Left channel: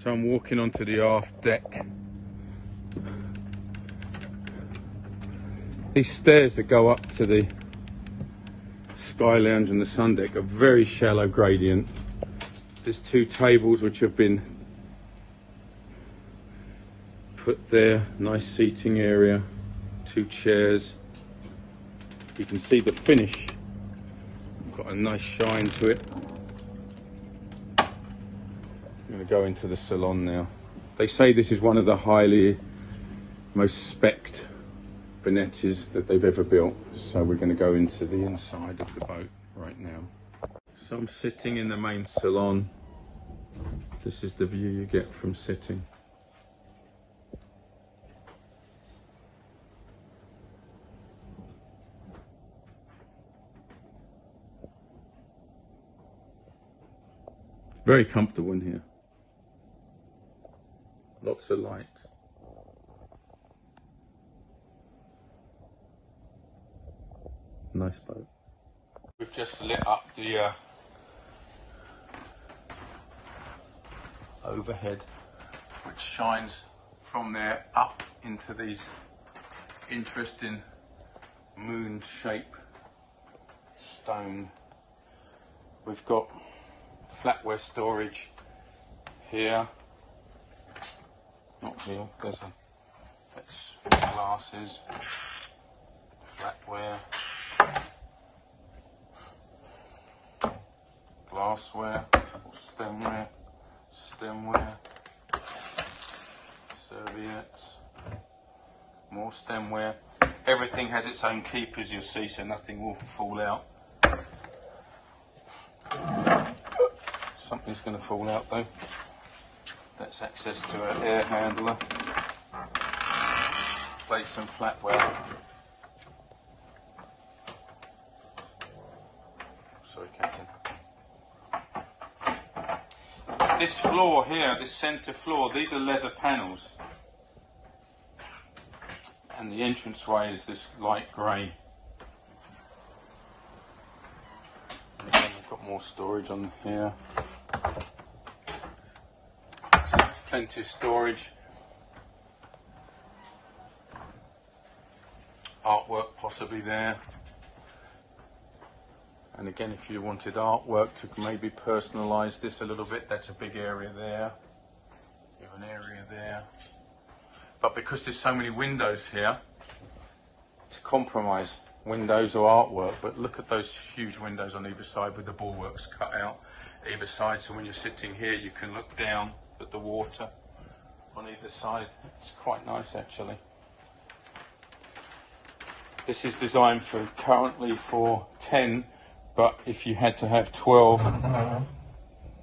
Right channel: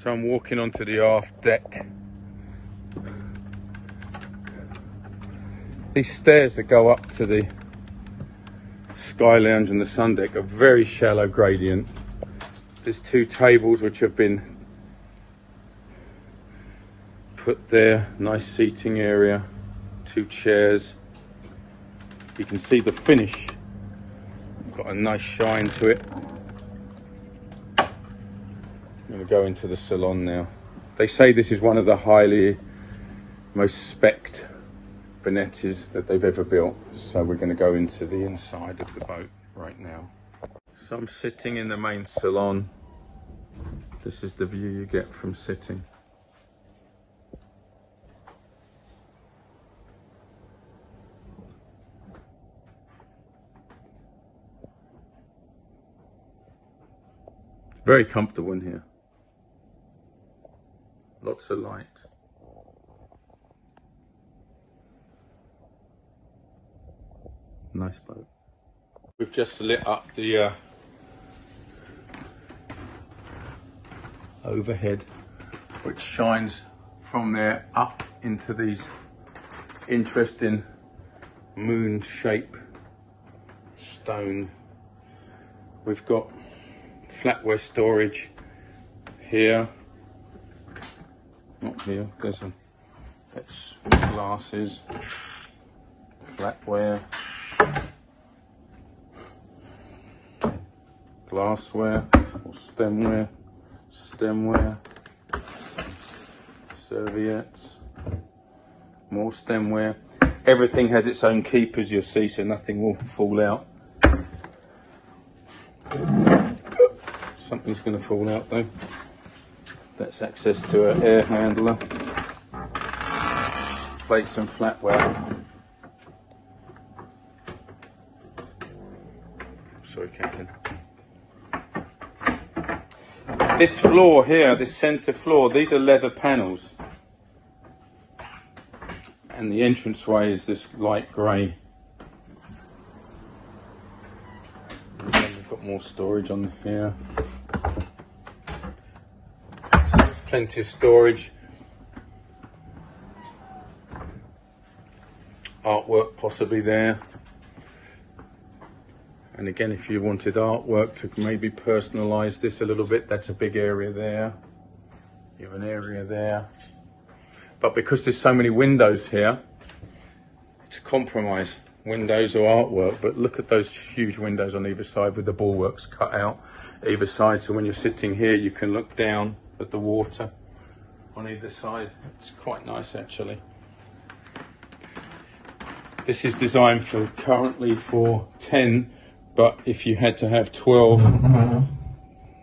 So I'm walking onto the aft deck. These stairs that go up to the Sky Lounge and the sun deck are very shallow gradient. There's two tables which have been put there, nice seating area, two chairs. You can see the finish, got a nice shine to it. I'm going to go into the salon now. They say this is one of the most spec'd Benettis that they've ever built. So we're going to go into the inside of the boat right now. So I'm sitting in the main salon. This is the view you get from sitting. Very comfortable in here. Lots of light. Nice boat. We've just lit up the overhead, which shines from there up into these interesting moon shape stone. We've got flatware storage here, not here, that's glasses, flatware, glassware or stemware, serviettes, more stemware. Everything has its own keepers, you'll see, so nothing will fall out. Something's going to fall out though. That's access to an air handler. Plates and flatware. Sorry, Captain. This floor here, this centre floor, these are leather panels. And the entranceway is this light grey. We've got more storage on here. So there's plenty of storage. Artwork possibly there. And again, if you wanted artwork to maybe personalise this a little bit, that's a big area there. You have an area there. But because there's so many windows here, it's a compromise. Windows or artwork, but look at those huge windows on either side with the bulwarks cut out either side. So when you're sitting here, you can look down at the water on either side. It's quite nice actually. This is designed currently for 10. But if you had to have 12,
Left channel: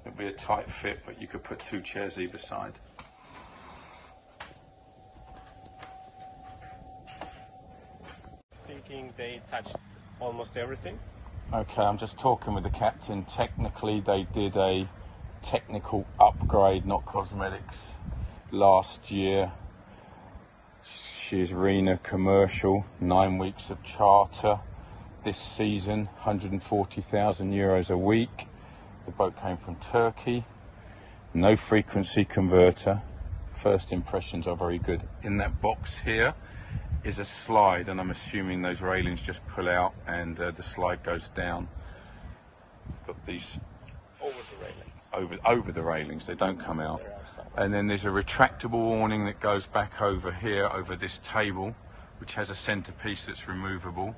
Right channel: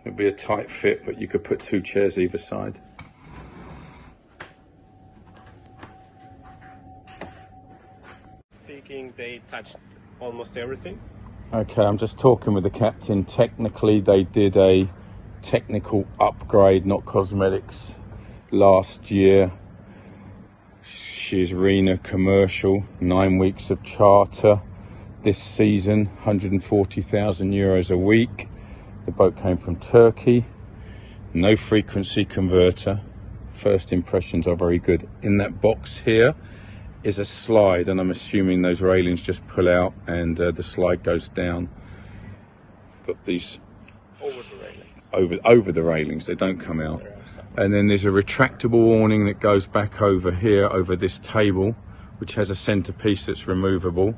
it'd be a tight fit, but you could put two chairs either side. Speaking, they touched almost everything. Okay, I'm just talking with the captain. Technically, they did a technical upgrade, not cosmetics, last year. She's Rena commercial, 9 weeks of charter. This season, 140,000 euros a week. The boat came from Turkey. No frequency converter. First impressions are very good. In that box here is a slide, and I'm assuming those railings just pull out and the slide goes down. Got these over the railings. They don't come out. And then there's a retractable awning that goes back over here, over this table, which has a centerpiece that's removable.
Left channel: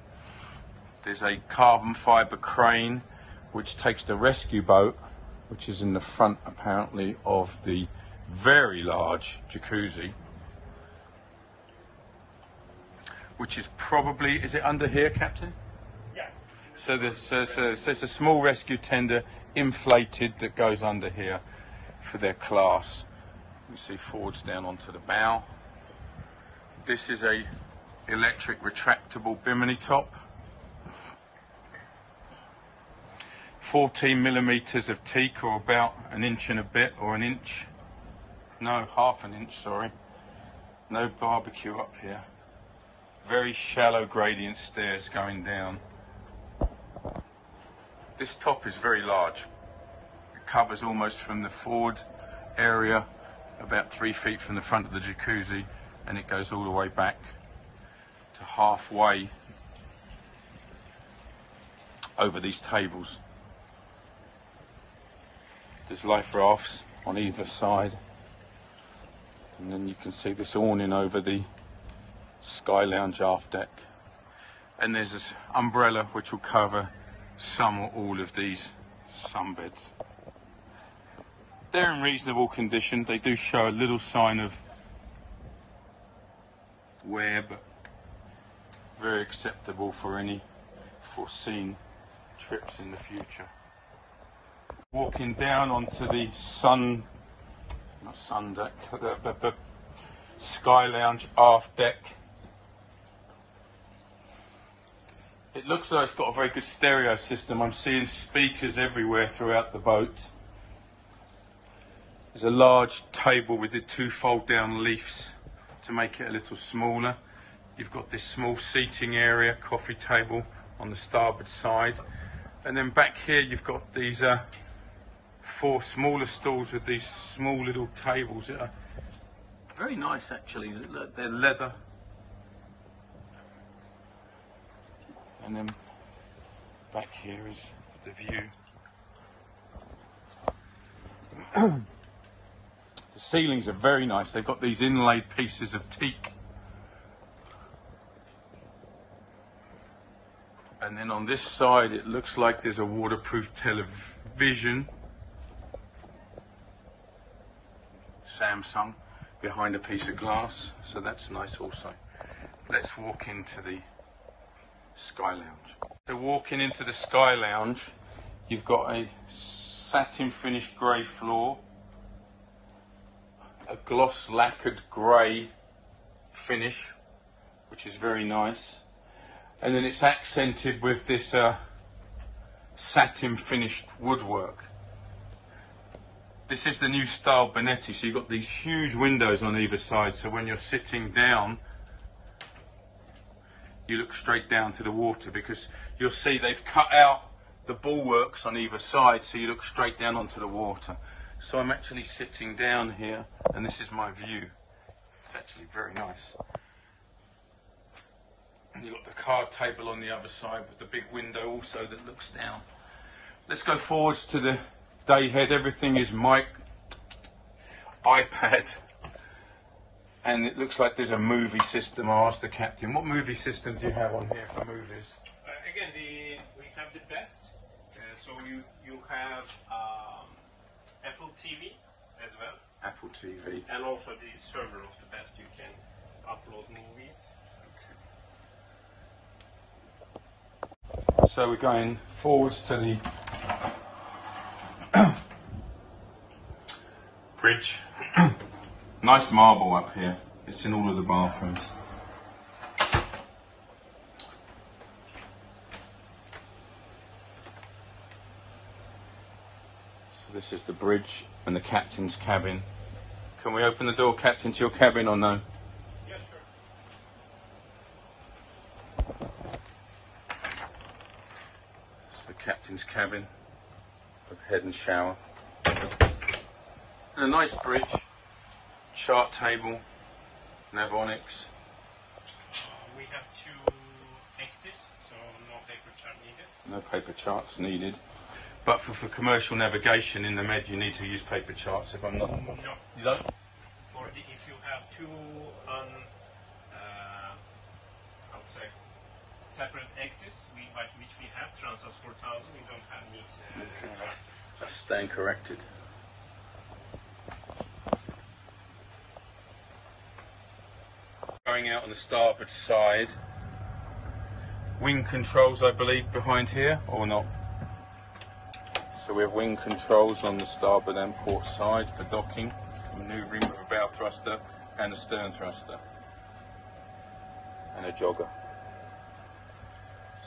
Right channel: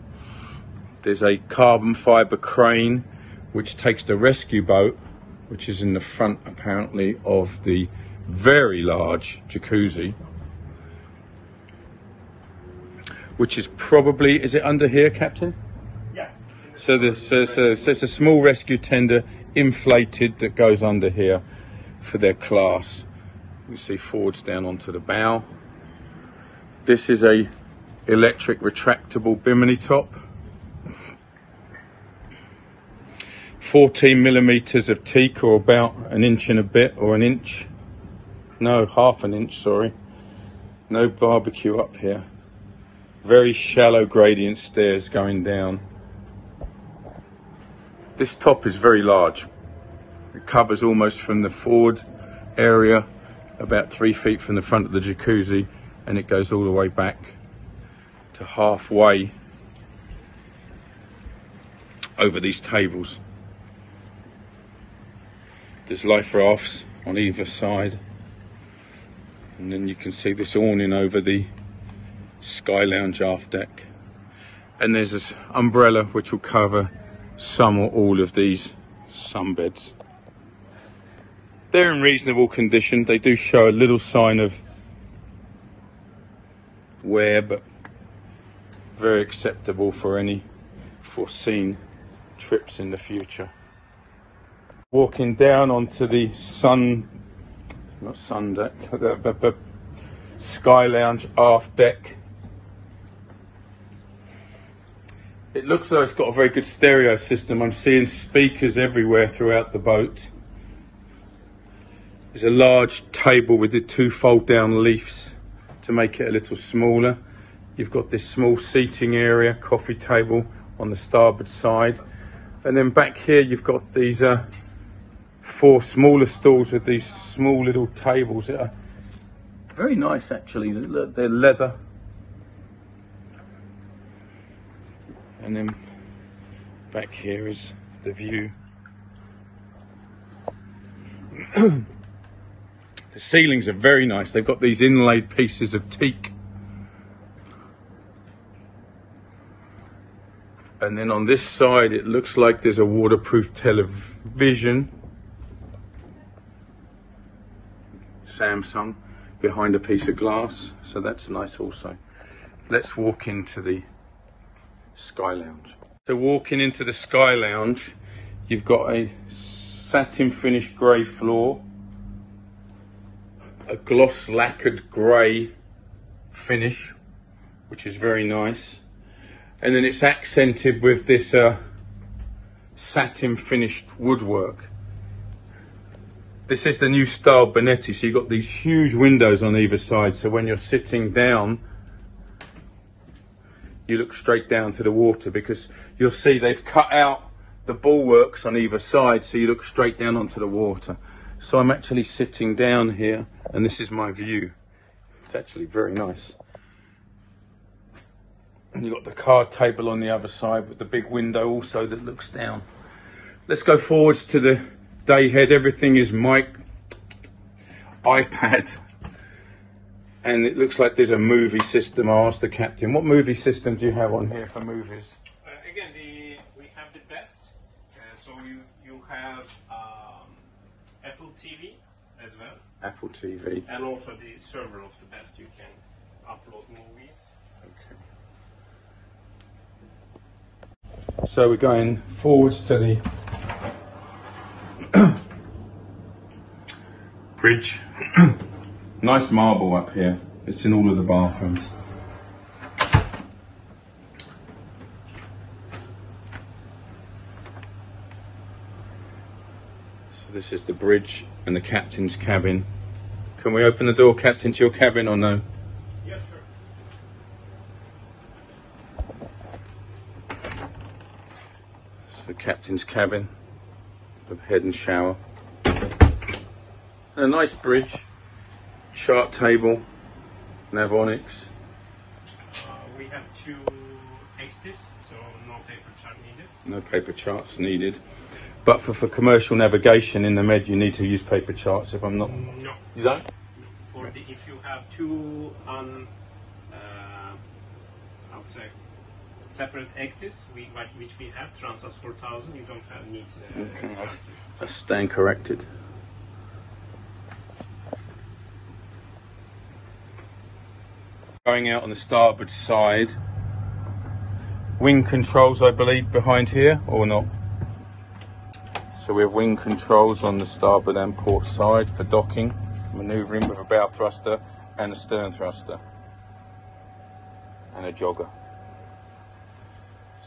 There's a carbon fibre crane which takes the rescue boat, which is in the front apparently of the very large jacuzzi, which is probably, is it under here, Captain? Yes. So there's a small rescue tender inflated that goes under here for their class. You see forwards down onto the bow. This is a electric retractable bimini top. 14 millimeters of teak, or about an inch and a bit, or an inch. No, half an inch, sorry. No barbecue up here. Very shallow gradient stairs going down. This top is very large. It covers almost from the forward area about 3 feet from the front of the jacuzzi, and it goes all the way back to halfway over these tables. There's life rafts on either side, and then you can see this awning over the Sky Lounge aft deck. And there's this umbrella which will cover some or all of these sunbeds. They're in reasonable condition. They do show a little sign of wear, but very acceptable for any foreseen trips in the future. Walking down onto the not sun deck, but Sky Lounge aft deck. It looks like it's got a very good stereo system. I'm seeing speakers everywhere throughout the boat. There's a large table with the 2 fold down leaves to make it a little smaller. You've got this small seating area, coffee table on the starboard side. And then back here you've got these 4 smaller stools with these small little tables that are very nice actually. They're leather. And then back here is the view. The ceilings are very nice. They've got these inlaid pieces of teak. And then on this side, it looks like there's a waterproof television. Samsung behind a piece of glass. So that's nice also. Let's walk into the Sky Lounge. So walking into the Sky Lounge, you've got a satin finished grey floor, a gloss lacquered grey finish, which is very nice, and then it's accented with this satin finished woodwork. This is the new style Benetti, so you've got these huge windows on either side, so when you're sitting down you look straight down to the water, because you'll see they've cut out the bulwarks on either side so you look straight down onto the water. So I'm actually sitting down here and this is my view. It's actually very nice. And you've got the card table on the other side with the big window also that looks down. Let's go forwards to the day head. Everything is iPad. And it looks like there's a movie system. I asked the captain, what movie system do you have on here for movies? Again, we have the best. So you have Apple TV as well. Apple TV. And also the server of the best. You can upload movies. Okay. So we're going forwards to the bridge. Nice marble up here. It's in all of the bathrooms. So this is the bridge and the captain's cabin. Can we open the door, Captain, to your cabin or no? Yes, sir. So the captain's cabin, the head and shower. And a nice bridge. Chart table, Navonics. We have 2 XDs, so no paper chart needed. No paper charts needed. But for commercial navigation in the Med, you need to use paper charts if I'm not... No. You don't? If you have 2 I would say separate XDs, which we have, Transas 4000, you don't have need Just staying corrected. Going out on the starboard side, wing controls I believe behind here, or not? So we have wing controls on the starboard and port side for docking, manoeuvring with a bow thruster and a stern thruster, and a jogger.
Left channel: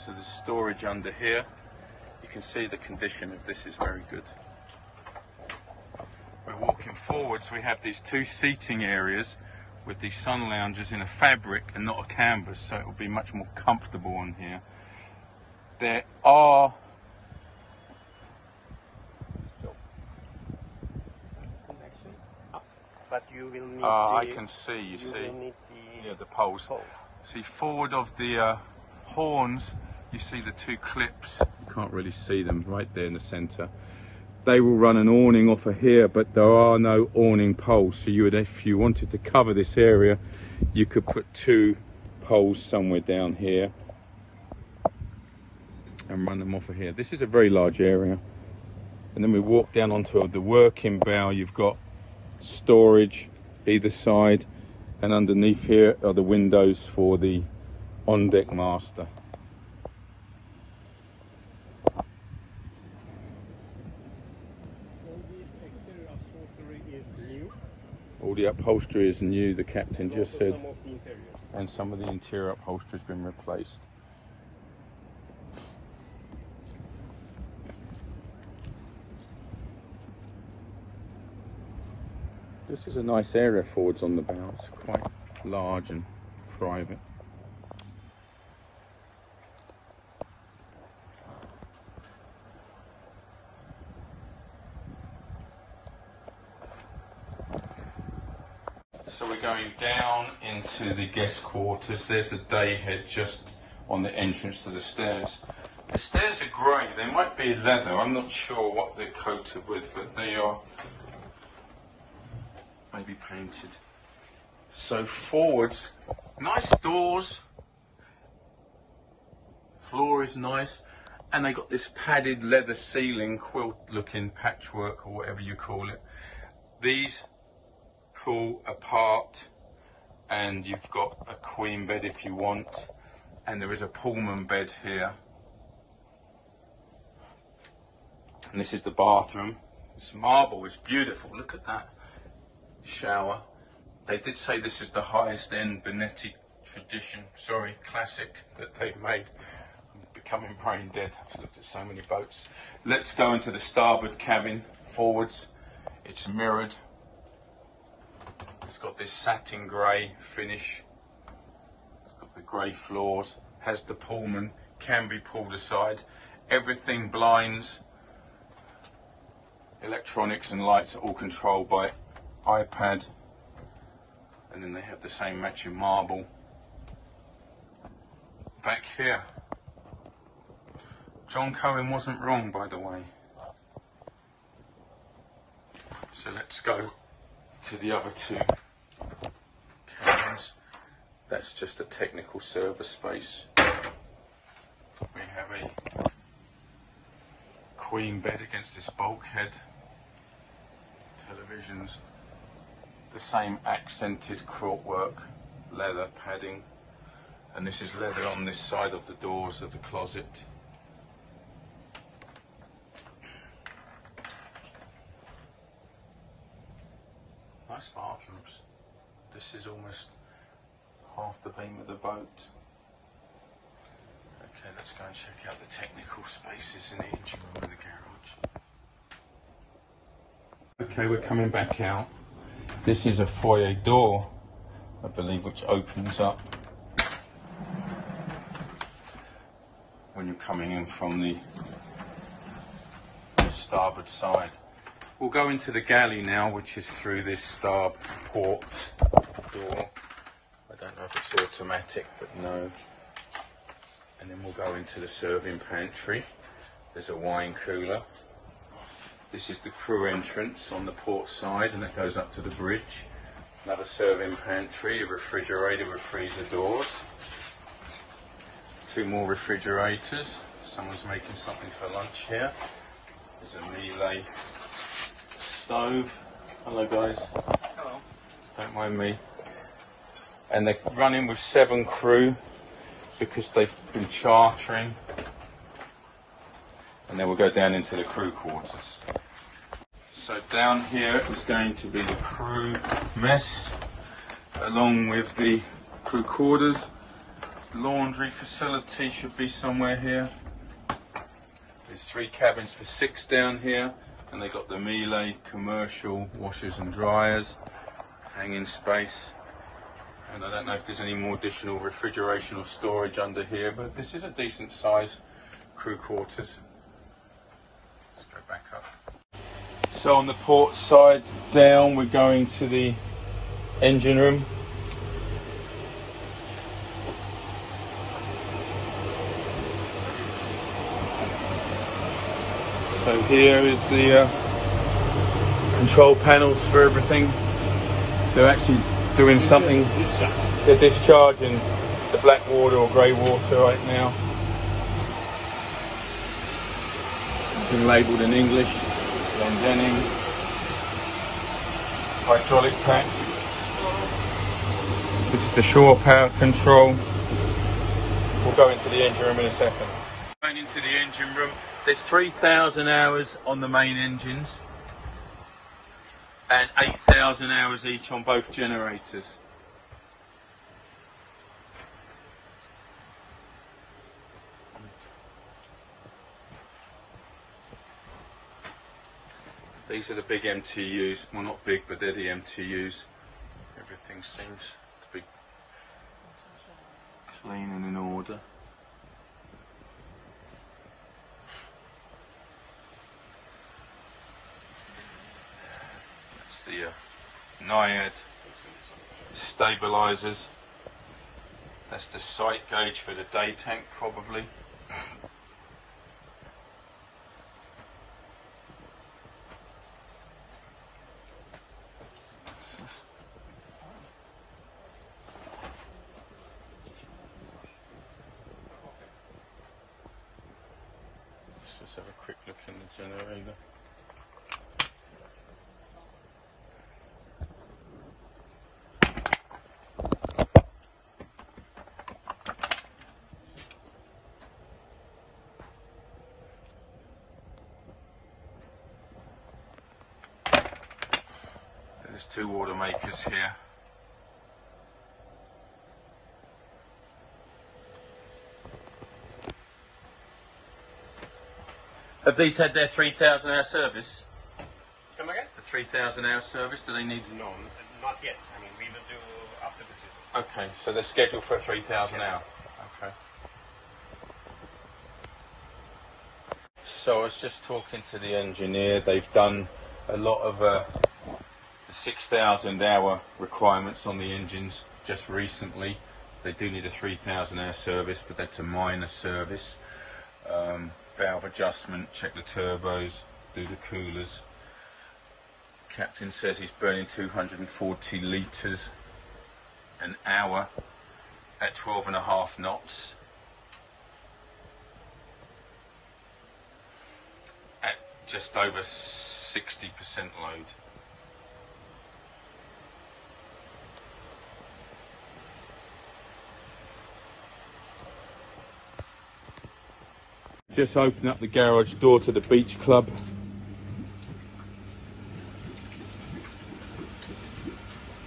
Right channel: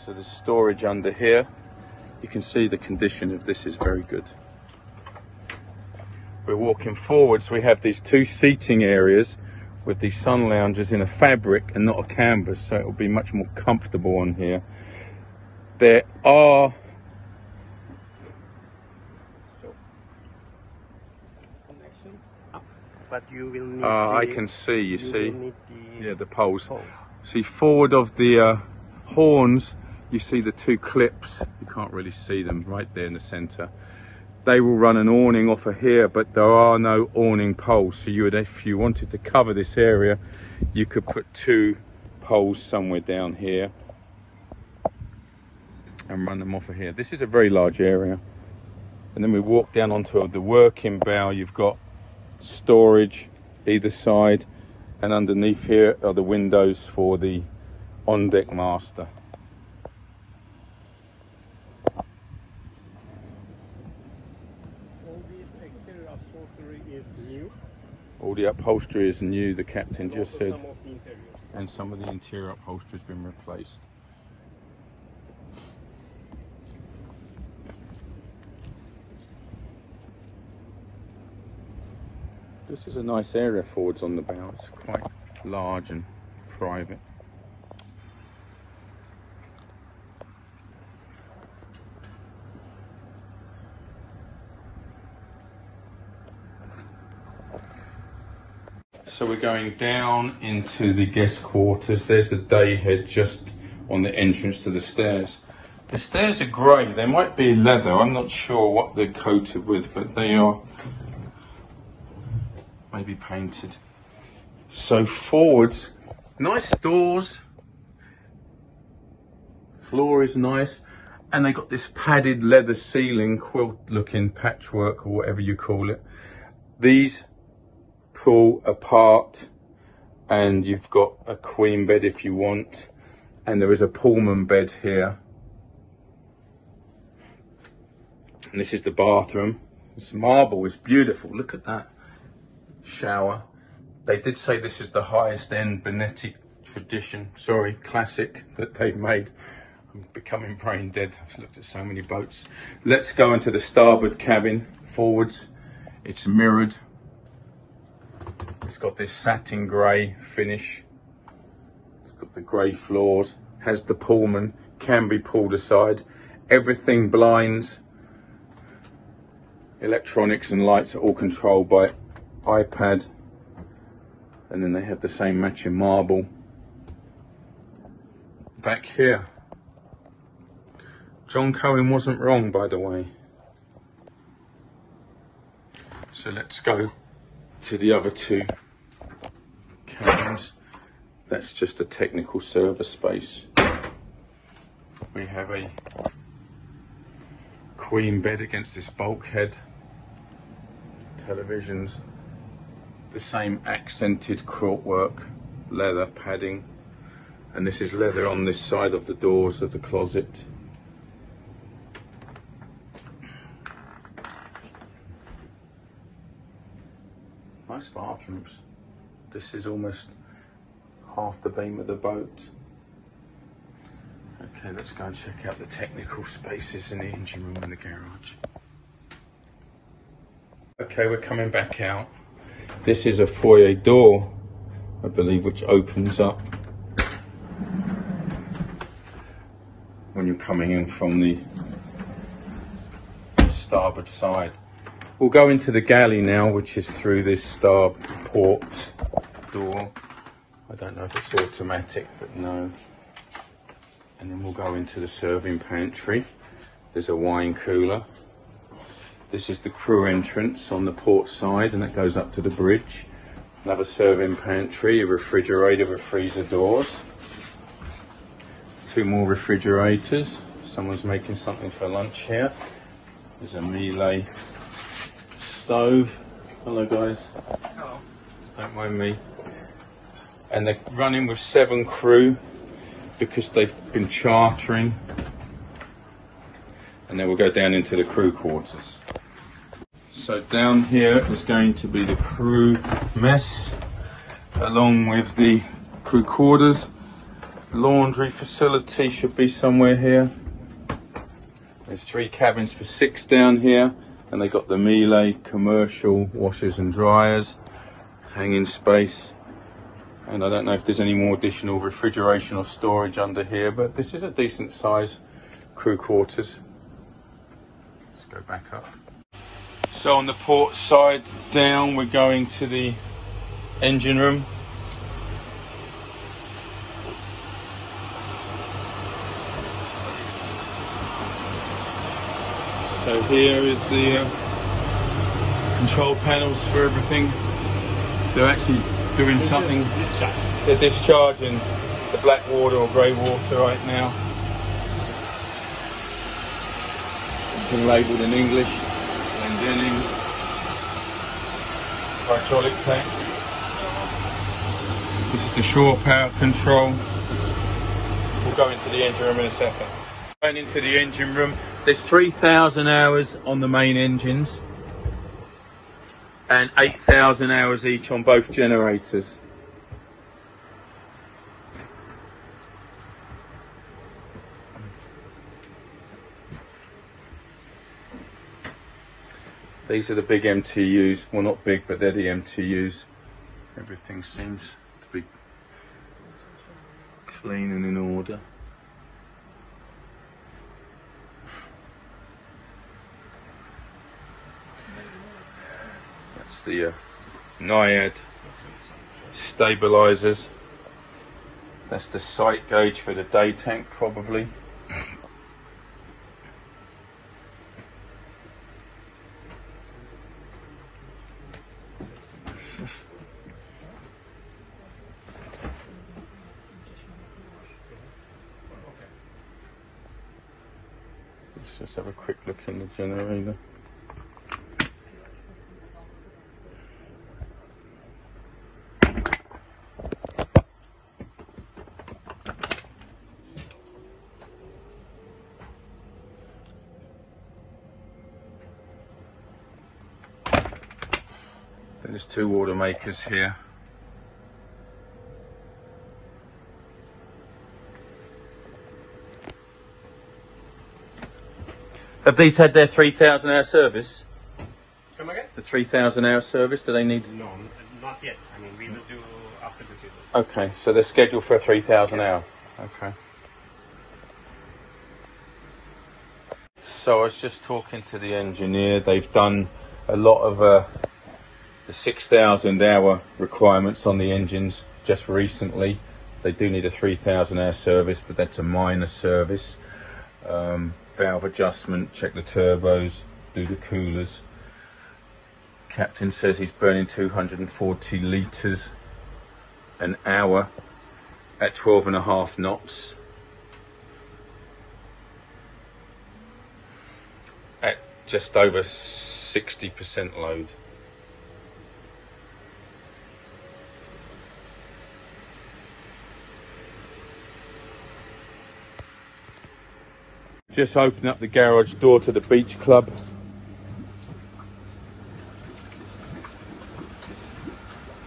So the storage under here, you can see the condition of this is very good. We're walking forwards, we have these 2 seating areas with these sun loungers in a fabric and not a canvas, so it will be much more comfortable on here. There are but you will need I can see, you see? will need Yeah, the poles. poles. See, forward of the horns, you see the two clips. You can't really see them right there in the centre. They will run an awning off of here, but there are no awning poles. So you would, if you wanted to cover this area, you could put two poles somewhere down here and run them off of here. This is a very large area. And then we walk down onto the working bow. You've got storage either side, and underneath here are the windows for the on-deck master. All the exterior upholstery is new. All the upholstery is new, the captain just said, Some of the interiors. and some of the interior upholstery has been replaced. This is a nice area forwards on the bow. It's quite large and private. So we're going down into the guest quarters. There's the day head just on the entrance to the stairs. The stairs are grey. They might be leather. I'm not sure what they're coated with, but they are maybe painted. So forwards, nice doors. Floor is nice. And they got this padded leather ceiling, quilt looking patchwork or whatever you call it. These pull apart and you've got a queen bed if you want, and there is a Pullman bed here, and this is the bathroom. This marble is beautiful. Look at that shower. They did say this is the highest end Benetti classic that they've made. I'm becoming brain dead. I've looked at so many boats. Let's go into the starboard cabin forwards. It's mirrored. It's got this satin grey finish. It's got the grey floors. Has the Pullman. Can be pulled aside. Everything blinds. Electronics and lights are all controlled by iPad. And then they have the same matching marble. Back here. John Cohen wasn't wrong, by the way. So let's go to the other two cabins. That's just a technical service space. We have a queen bed against this bulkhead. Televisions. The same accented quilt work, leather padding. And this is leather on this side of the doors of the closet. Nice bathrooms. This is almost half the beam of the boat. Okay, let's go and check out the technical spaces in the engine room and the garage. Okay, we're coming back out. This is a foyer door, I believe, which opens up when you're coming in from the starboard side. We'll go into the galley now, which is through this starport door. I don't know if it's automatic, but no. And then we'll go into the serving pantry. There's a wine cooler. This is the crew entrance on the port side, and it goes up to the bridge. Another serving pantry, a refrigerator with freezer doors. Two more refrigerators. Someone's making something for lunch here. There's a Miele stove. Hello guys. Hello. Don't mind me. And they're running with 7 crew because they've been chartering. And then we'll go down into the crew quarters. So down here is going to be the crew mess, along with the crew quarters. Laundry facility should be somewhere here. There's 3 cabins for 6 down here, and they got the Miele commercial washers and dryers, hanging space. And I don't know if there's any more additional refrigeration or storage under here, but this is a decent size crew quarters. Let's go back up. So on the port side down, we're going to the engine room. So here is the control panels for everything. They're actually doing something. They're discharging the black water or grey water right now. Been labelled in English. Denim. Hydraulic pack. This is the shore power control. We'll go into the engine room in a second. Going into the engine room. There's 3,000 hours on the main engines and 8,000 hours each on both generators. These are the big MTUs. Well, not big, but they're the MTUs. Everything seems to be clean and in order. That's the Naiad stabilizers. That's the sight gauge for the day tank, probably. Let's just have a quick look in the generator. There's two water makers here. Have these had their 3,000 hour service? Come again? The 3,000 hour service, do they need? No, not yet. I mean, we will do after the season. Okay, so they're scheduled for a 3,000 hour. Okay. So I was just talking to the engineer. They've done a lot of the 6,000 hour requirements on the engines just recently. They do need a 3,000 hour service, but that's a minor service. Valve adjustment, check the turbos, do the coolers. Captain says he's burning 240 litres an hour at 12.5 knots. At just over 60% load. Just open up the garage door to the beach club.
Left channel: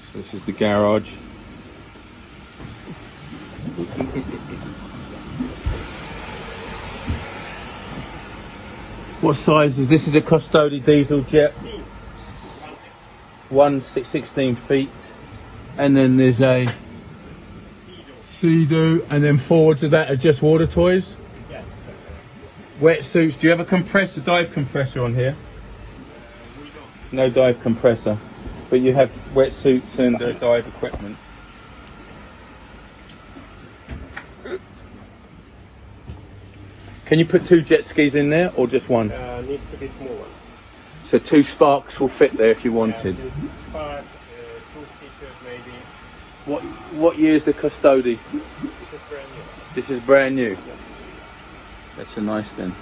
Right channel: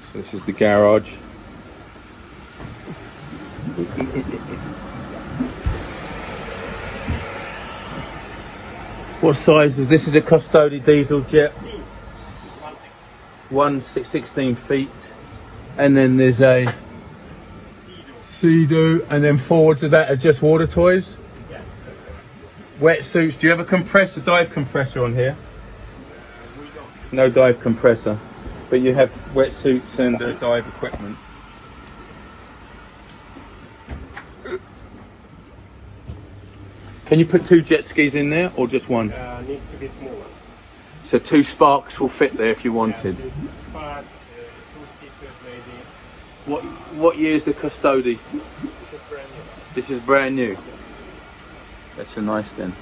So this is the garage. What size is this? Is a Custody diesel jet. 16 feet. And then there's a Sea-Doo, and then forwards of that are just water toys. Wetsuits. Do you have a compressor, dive compressor on here? No dive compressor, but you have wetsuits and dive equipment. Can you put 2 jet skis in there or just one? Needs to be small ones. So 2 Sparks will fit there if you wanted. Spark, 2 seaters maybe. What year is the Custody? This is brand new. This is brand new. That's a nice then.